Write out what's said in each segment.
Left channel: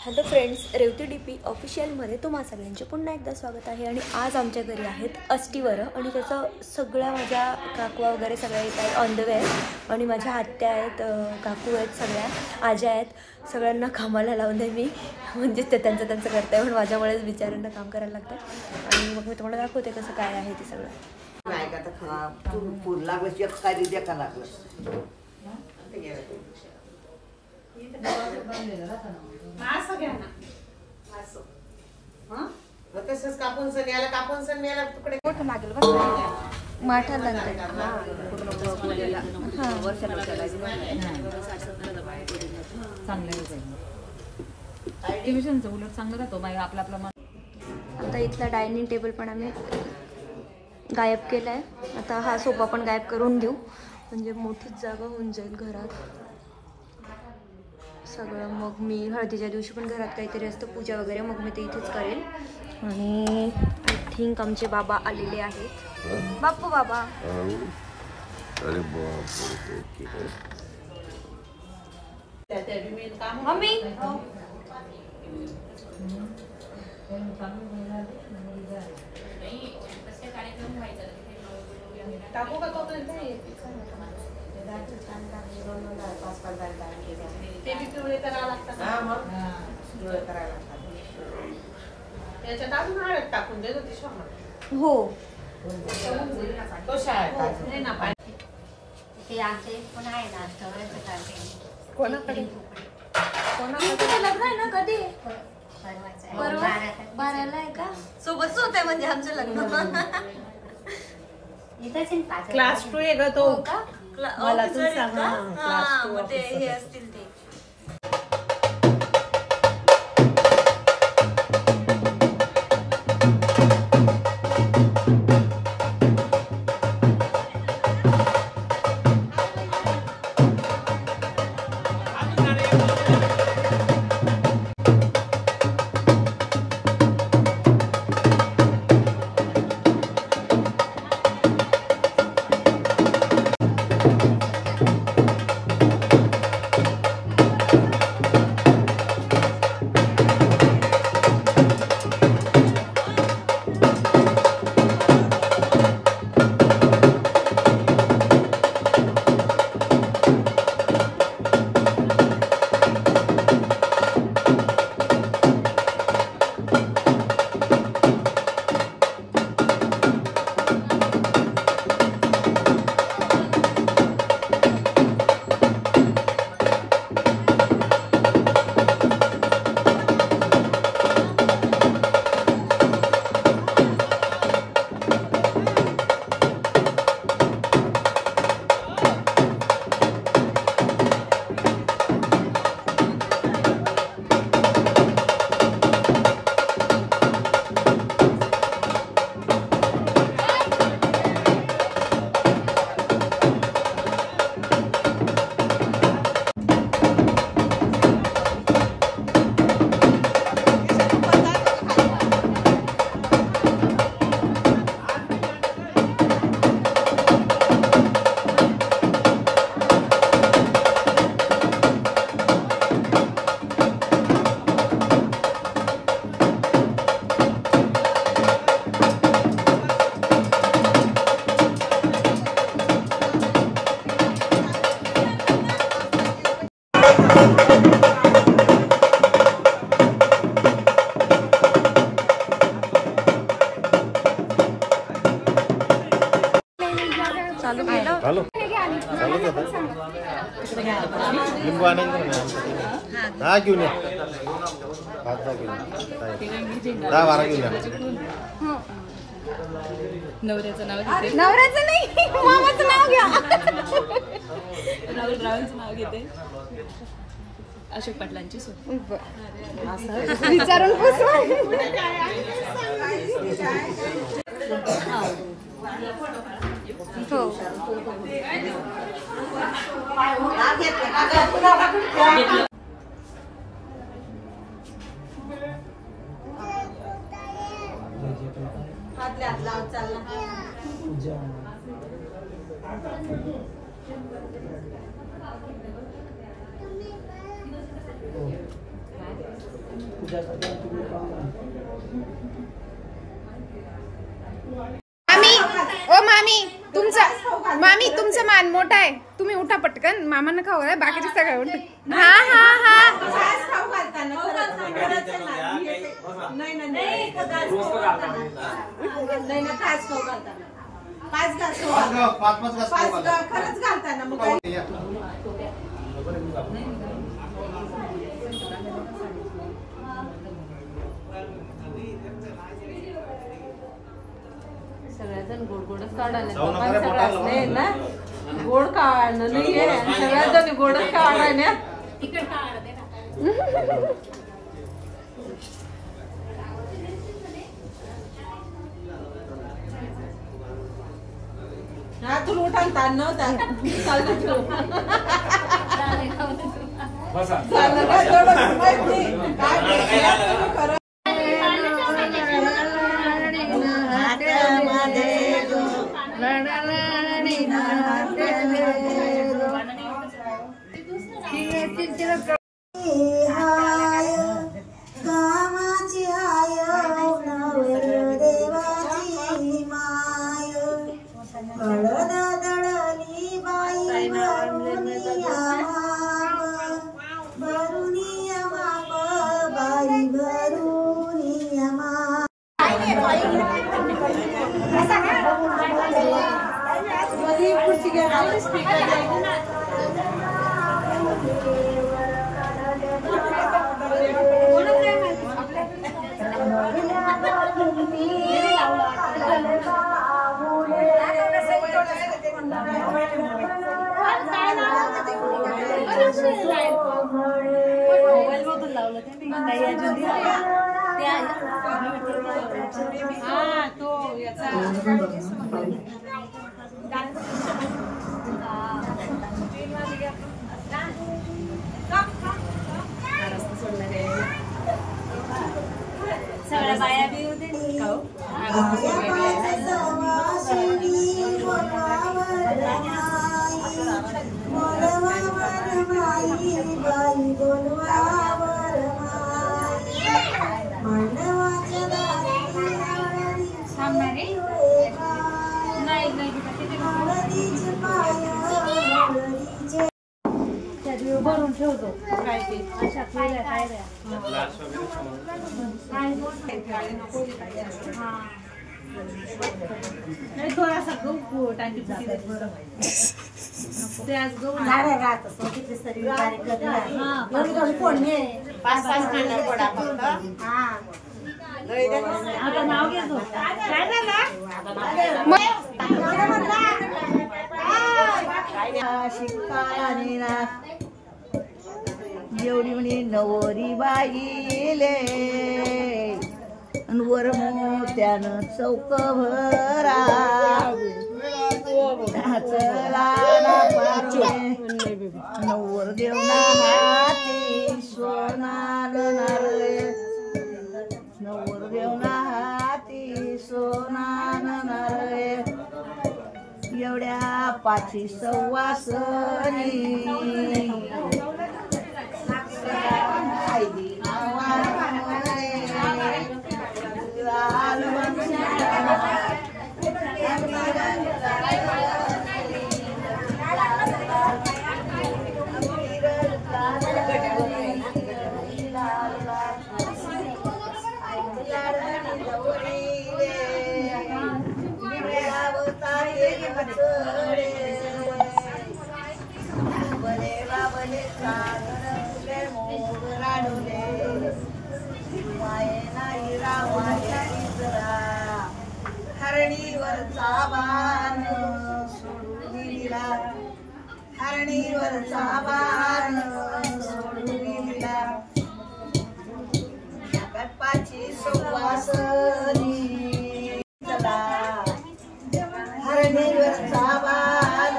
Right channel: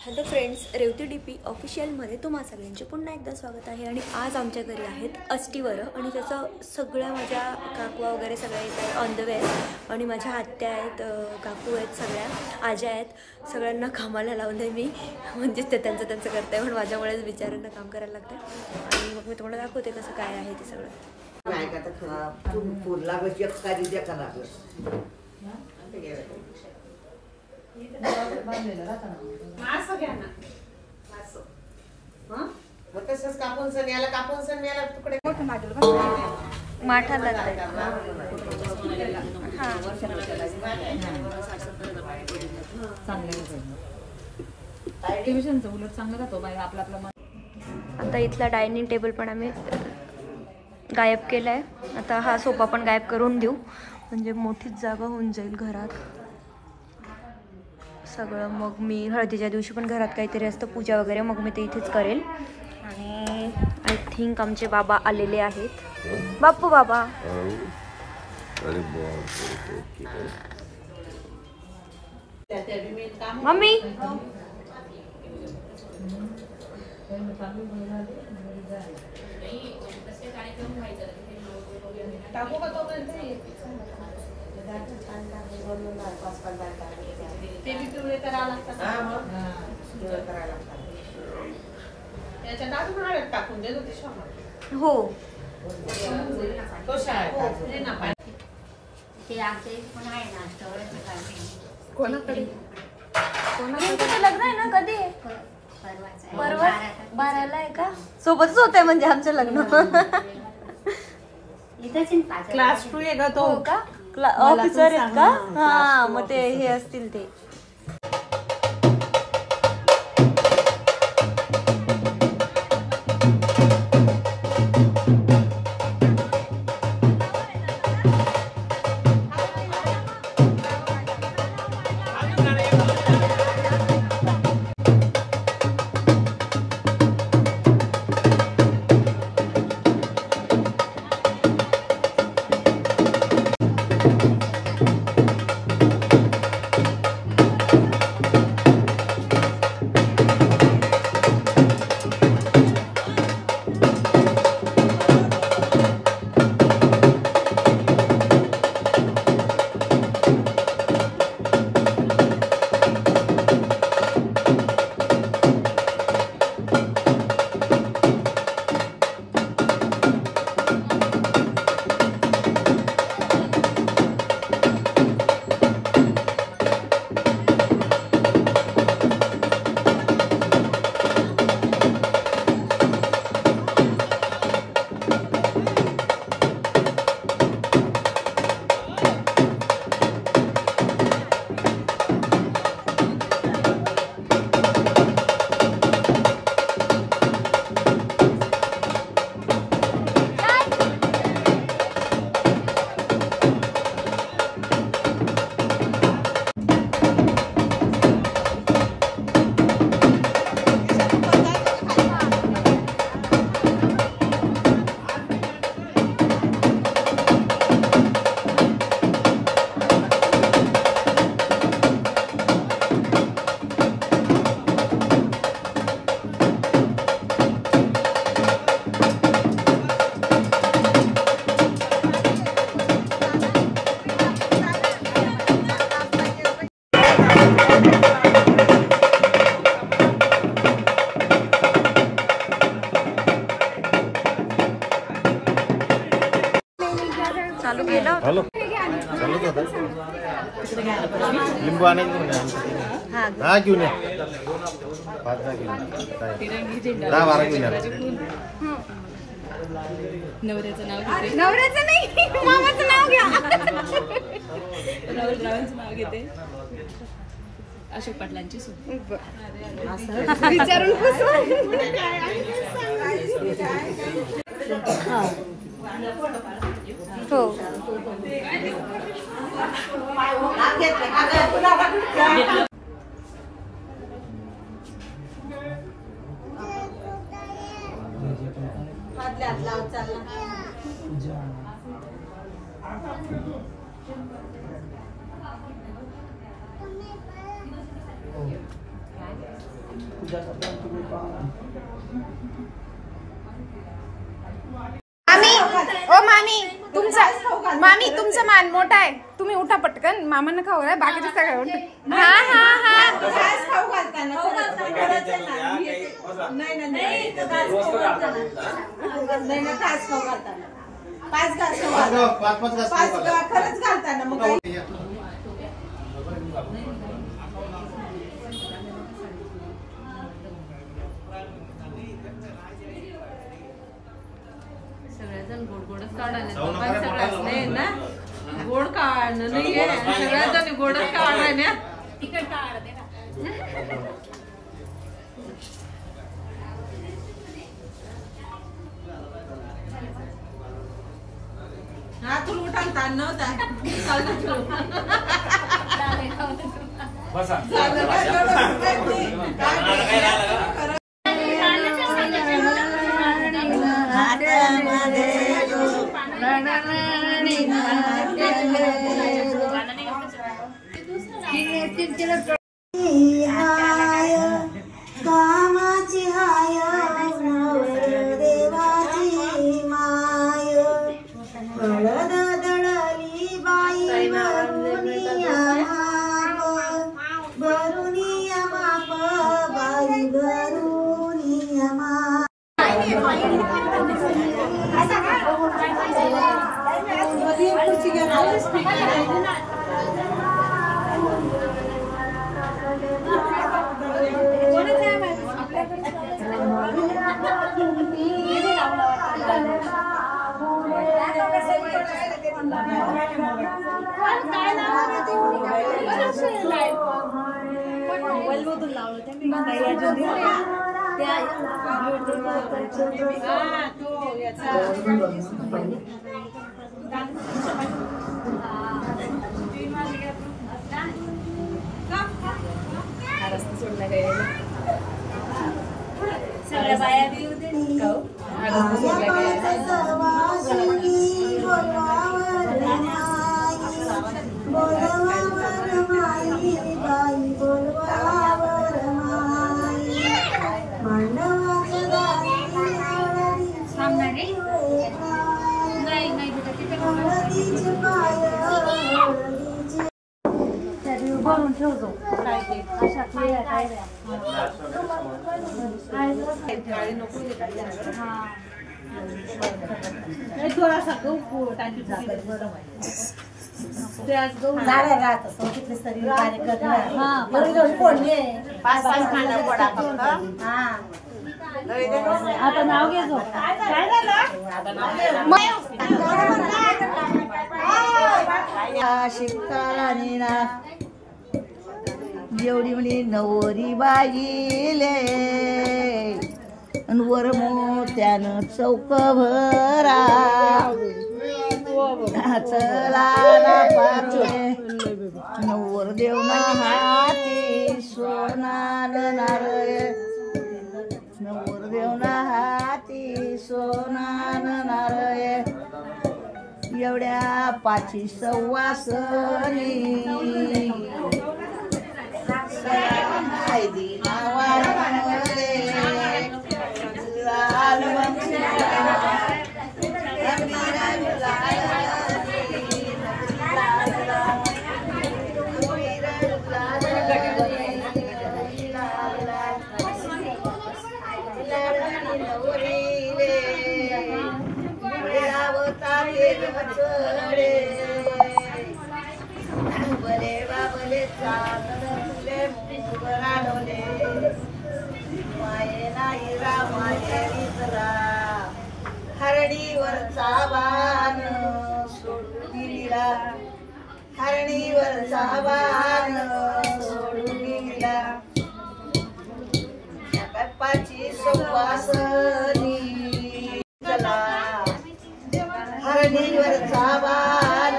Hello friends, Revati DP ऑफिशियलमध्ये तुम्हा सगळ्यांचे पुन्हा एकदा स्वागत आहे. आणि आज आमच्या घरी आहेत अष्टीवरं आणि त्याचं सगळ्या माझ्या काकवा वगैरे सगळ्या येत आहेत ऑन द वे. आणि माझ्या आत्या आहेत, काकू आहेत, सगळ्या आज्या आहेत. सगळ्यांना कामाला लावून आहे मी, म्हणजे ते त्यांचं करत आहे, पण माझ्यामुळेच बिचाऱ्यांना काम करायला लागतं. आणि मग मी तुम्हाला दाखवते कसं काय आहे ते सगळं. तसंच कापून सण याला कापून सण याला तुकडे माठा लागते. उलट चांगलं राहतो आपला आपला. आता इथला डायनिंग टेबल पण आम्ही गायब केला आहे. आता हा सोफा पण गायब करून देऊ, म्हणजे मोठीच जागा होऊन जाईल घरात सगळं. मग मी हळदीच्या दिवशी पण घरात काहीतरी असतं पूजा वगैरे, मग मी ते इथेच करेल. आणि आय थिंक आमचे बाबा आलेले आहेत. बाप्पू बाबा. मम्मी टाकू का तो ते बी पिवळे करावं लागतात. त्याच्यात अजून हळद टाकून देत होती शमा. हो तो शाळेत कोणाकडे लग्न आहे ना? कधी आहे? परवा 12ला आहे का? सोबतच होत आहे म्हणजे आमचं लग्न. क्लास 2 आहे का तो? का ऑफिसर आहे का? हा, मग ते हे असतील ते. चालू केलं. लिंबू आणि हा घेऊन या. 10-12 घेऊन या. नवऱ्याचं नाव घेते. नवऱ्याचं नाही, मामाचं नाव घ्या. राहुल रावांचं नाव घेते. अशोक पाटलांची सून. विचारून हो. मामी तुमचा मान मोठा आहे, तुम्ही उठा पटकन, मामांना खाऊ घाला, बाकीचे सगळे उठे. खरंच घालताना मग सगळ्याजण गोड गोडच काढायला सगळ्याच नाही ना, गोड काढणं नाहीये, सगळ्याजण गोडच काढायला. हा तू उठालता नव्हता कामाची हाय देवाची माय हळद दळली बाई भरुनिया माप बाई भरुनिया माप. सगळ्या बाया बी होते भरून ठेवतो काय ते अशा काय थोडासा गहू टाकी आता नाव घ्यायचो एवढी म्हणे नवरी बाईले वर मोत्यानं चौक भरा चला नवर देवना हाती सोनान नारळ नवर देवना हाती सोनान नारळ एवढ्या पाची सव्वासनी हरणीवरचा बाण सोडून गेला हरणीवरचा बाण सोडून गेला कटपाची सुवासनी चला हरणीवरचा बाण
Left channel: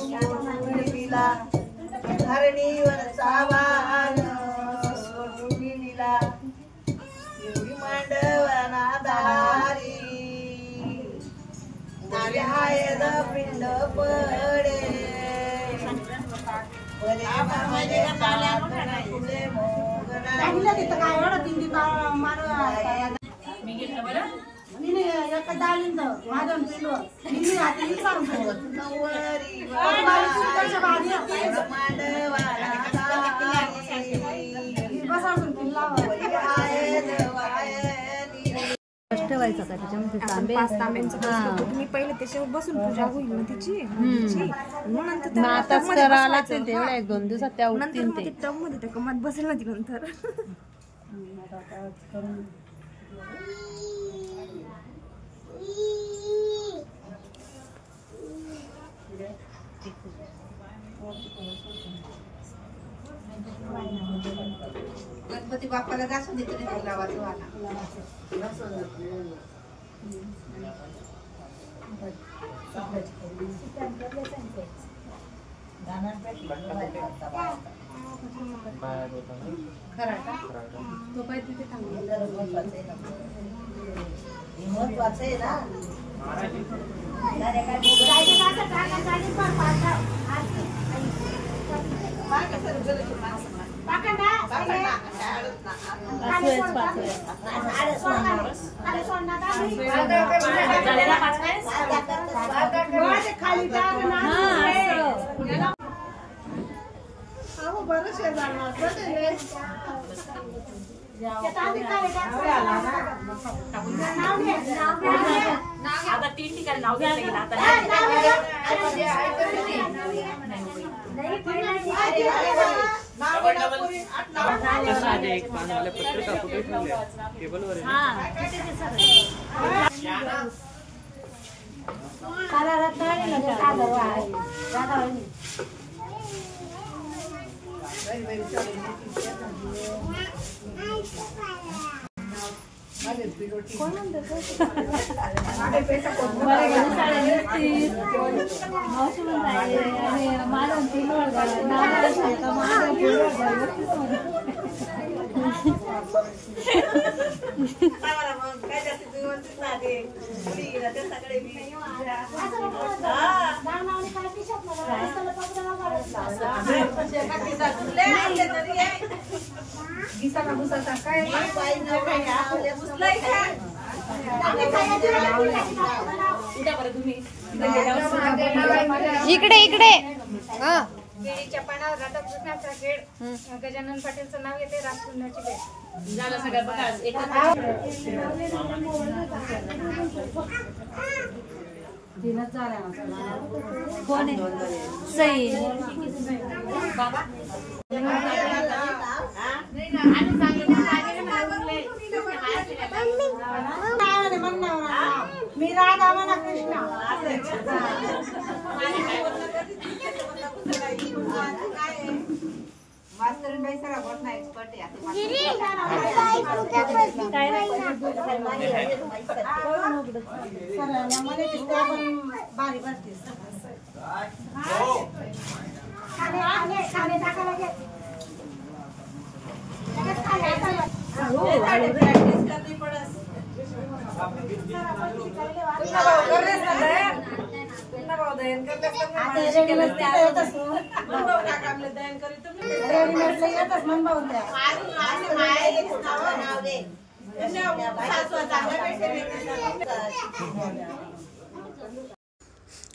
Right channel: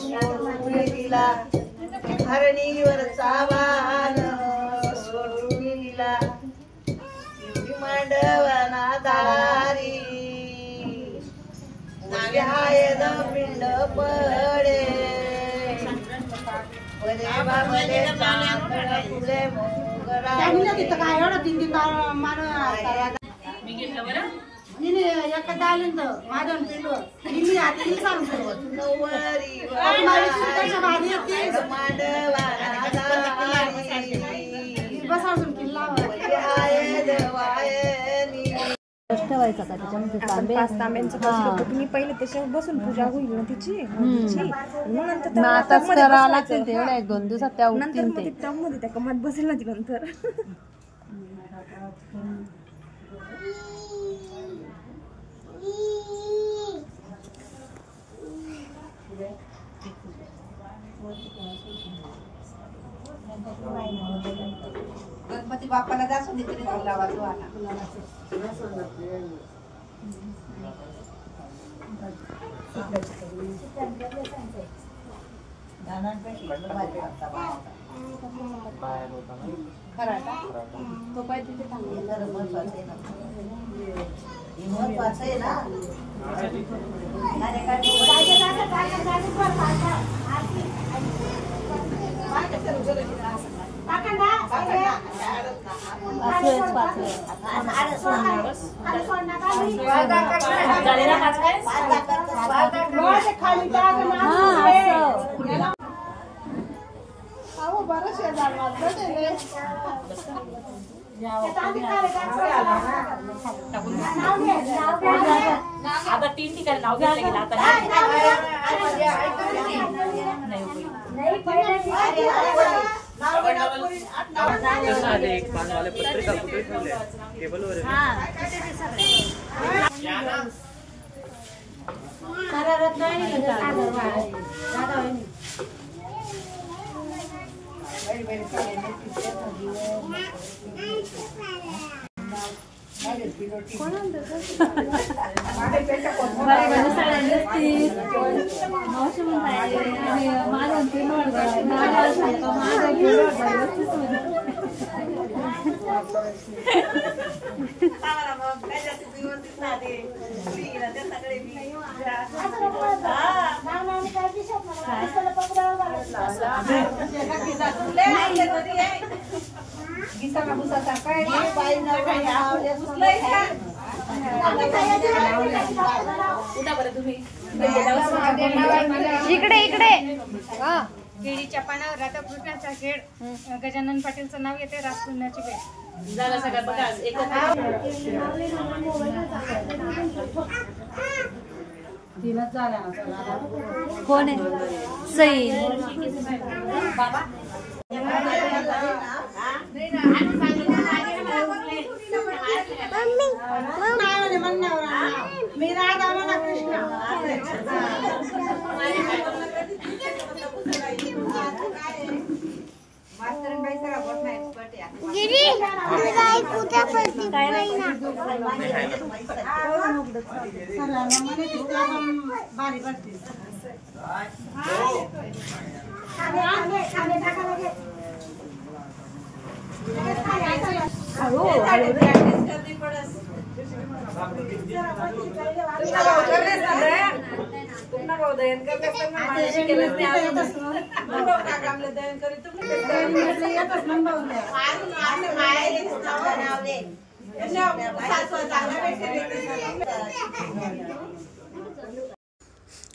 सोडून गेला हरणीवरचा बाण सोडून गेला एवढी मांडवना दारी नावे हाय द पिंड पडे बरे बाबले फुले मोग सांगितलं तिथं काय एवढं दिंडी मी घेतलं बरं. एका डालीन तर माझ्या पिंडवर दिल्ली हाती सांगतो बसावून किल्ला ठेवायचा का त्याच्यामध्ये तांबे तुम्ही पहिले त्याच्यावर बसून पूजा होईल ना तिची मग आताच करावं लागतील ते एवढ्या 1-2 दिवसात त्या उठतील ते. मध्ये त्या कमात बसेल ना ती नंतर. गणपती बाप्पाला जासून दे तरी गुलाबाचं वाला. खराटा तो काय तिथे महत्वाचं आहे ना. बरं शेजार आता 3 ठिकाणी नाव घेतलं गेलं आता इकडे इकडे केळीच्या पानावर राधाकृष्णाचा खेळ. गजानन पाटीलचं नाव येते. राजपुण्याची भेट झालं सगळं बघा एकत्र. कोण आहे सई मी राधा म्हणा कृष्ण. मास्तरीनबाई सगळा गोष्ट एक्सपर्ट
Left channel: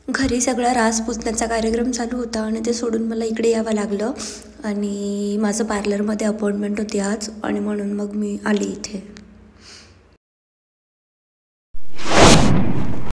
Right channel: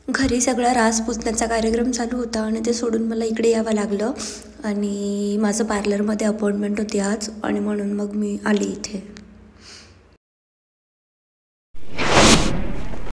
घरी सगळा रास पुसण्याचा कार्यक्रम चालू होता आणि ते सोडून मला इकडे यावं लागलं आणि माझं पार्लरमध्ये अपॉइंटमेंट होती आज आणि म्हणून मग मी आली इथे.